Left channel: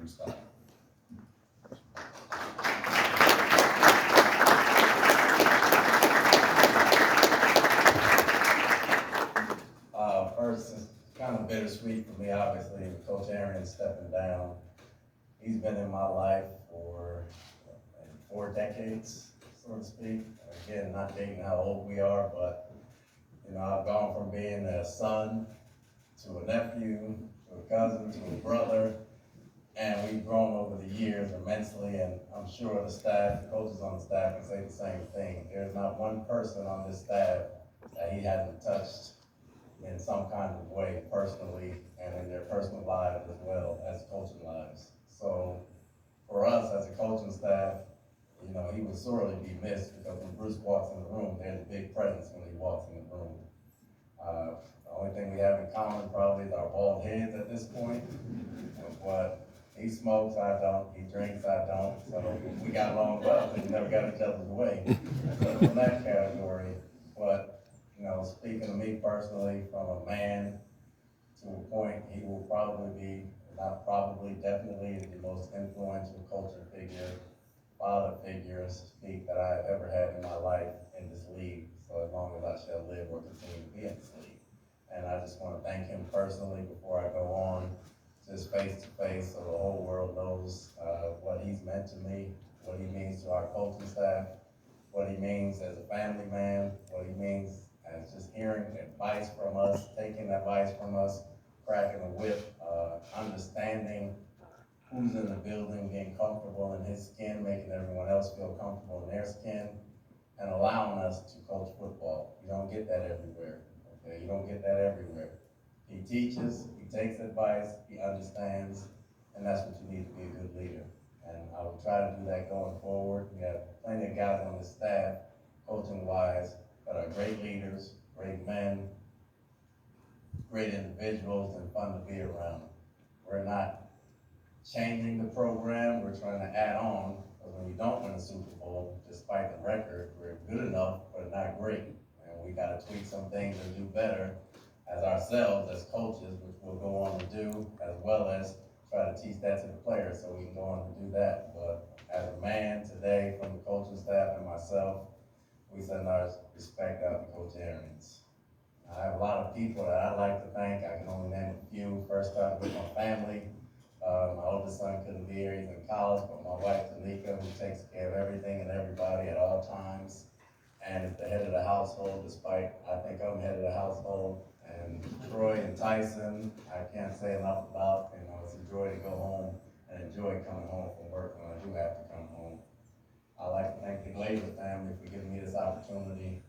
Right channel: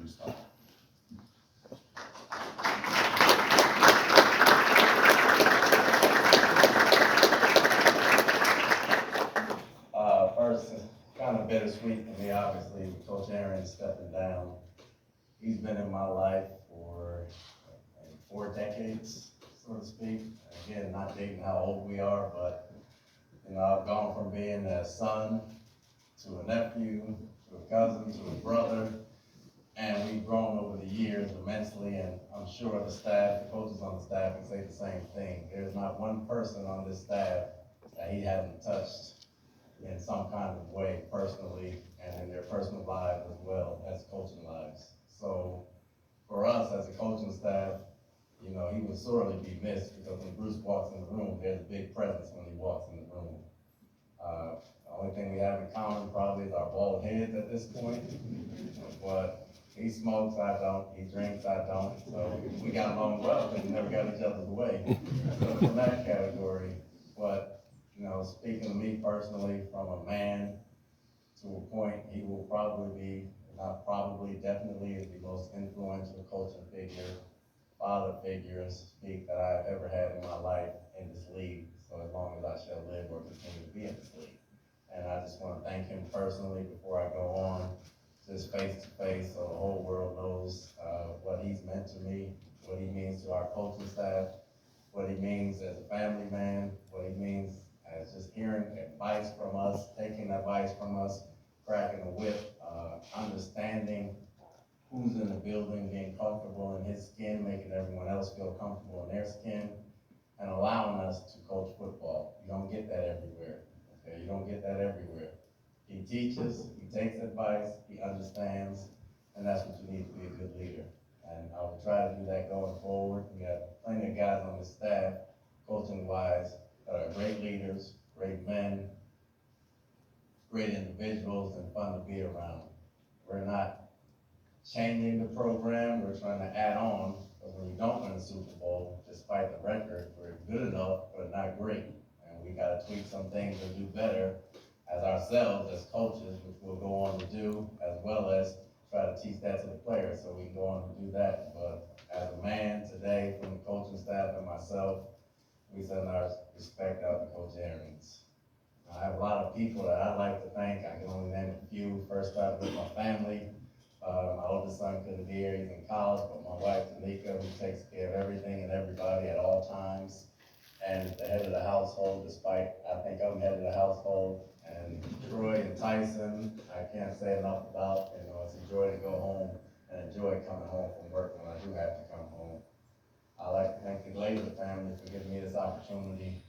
new staff. First, it's kind of bittersweet for me, obviously, with Coach Arians stepping down. He's been in my life for 4 decades, so to speak. Again, not dating how old we are, but I've gone from being a son to a nephew, to a cousin, to a brother, and we've grown over the years immensely, and I'm sure the staff, the coaches on the staff can say the same thing. There's not one person on this staff that he hasn't touched in some kind of way, personally, and in their personal lives as well as coaching lives. So for us as a coaching staff, he would sorely be missed, because when Bruce walks in the room, there's a big presence when he walks in the room. The only thing we have in common probably is our bald heads at this point, but he smokes, I don't, he drinks, I don't, so we got along well, but we never got each other's way. So from that category, but speaking to me personally, from a man to a point, he will probably be, not probably, definitely is the most influential coaching figure, father figure, speak, that I've ever had in my life in this league, so as long as I shall live or continue to be in this league. And I just want to thank him personally before I go on, just face to face, so the whole world knows what he's meant to me, what he means to our coaching staff, what he means as a family man, what he means as just hearing advice from us, taking advice from us, cracking the whip, understanding who's in the building, getting comfortable in his skin, making everyone else feel comfortable in their skin, and allowing us to coach football. You don't get that everywhere, okay? You don't get that everywhere. He teaches, he takes advice, he understands, and that's what you need to be a good leader. And I will try to do that going forward. We have plenty of guys on the staff, coaching-wise, that are great leaders, great men, great individuals, and fun to be around. We're not changing the program, we're trying to add on, because when you don't win a Super Bowl, despite the record, we're good enough, but not great. And we gotta tweak some things to do better as ourselves, as coaches, which we'll go on to do, as well as try to teach that to the players so we can go on to do that. But as a man today, from the coaching staff and myself, we send our respect out to Coach Arians. I have a lot of people that I'd like to thank. I can only name a few. First, start with my family. My oldest son couldn't be here, he's in college, but my wife, Tanika, who takes care of everything and everybody at all times, and is the head of the household, despite I think I'm head of the household. And Troy and Tyson, I can't say enough about. It's a joy to go home and enjoy coming home from work when I do have to come home. I'd like to thank the Glazer family for giving me this opportunity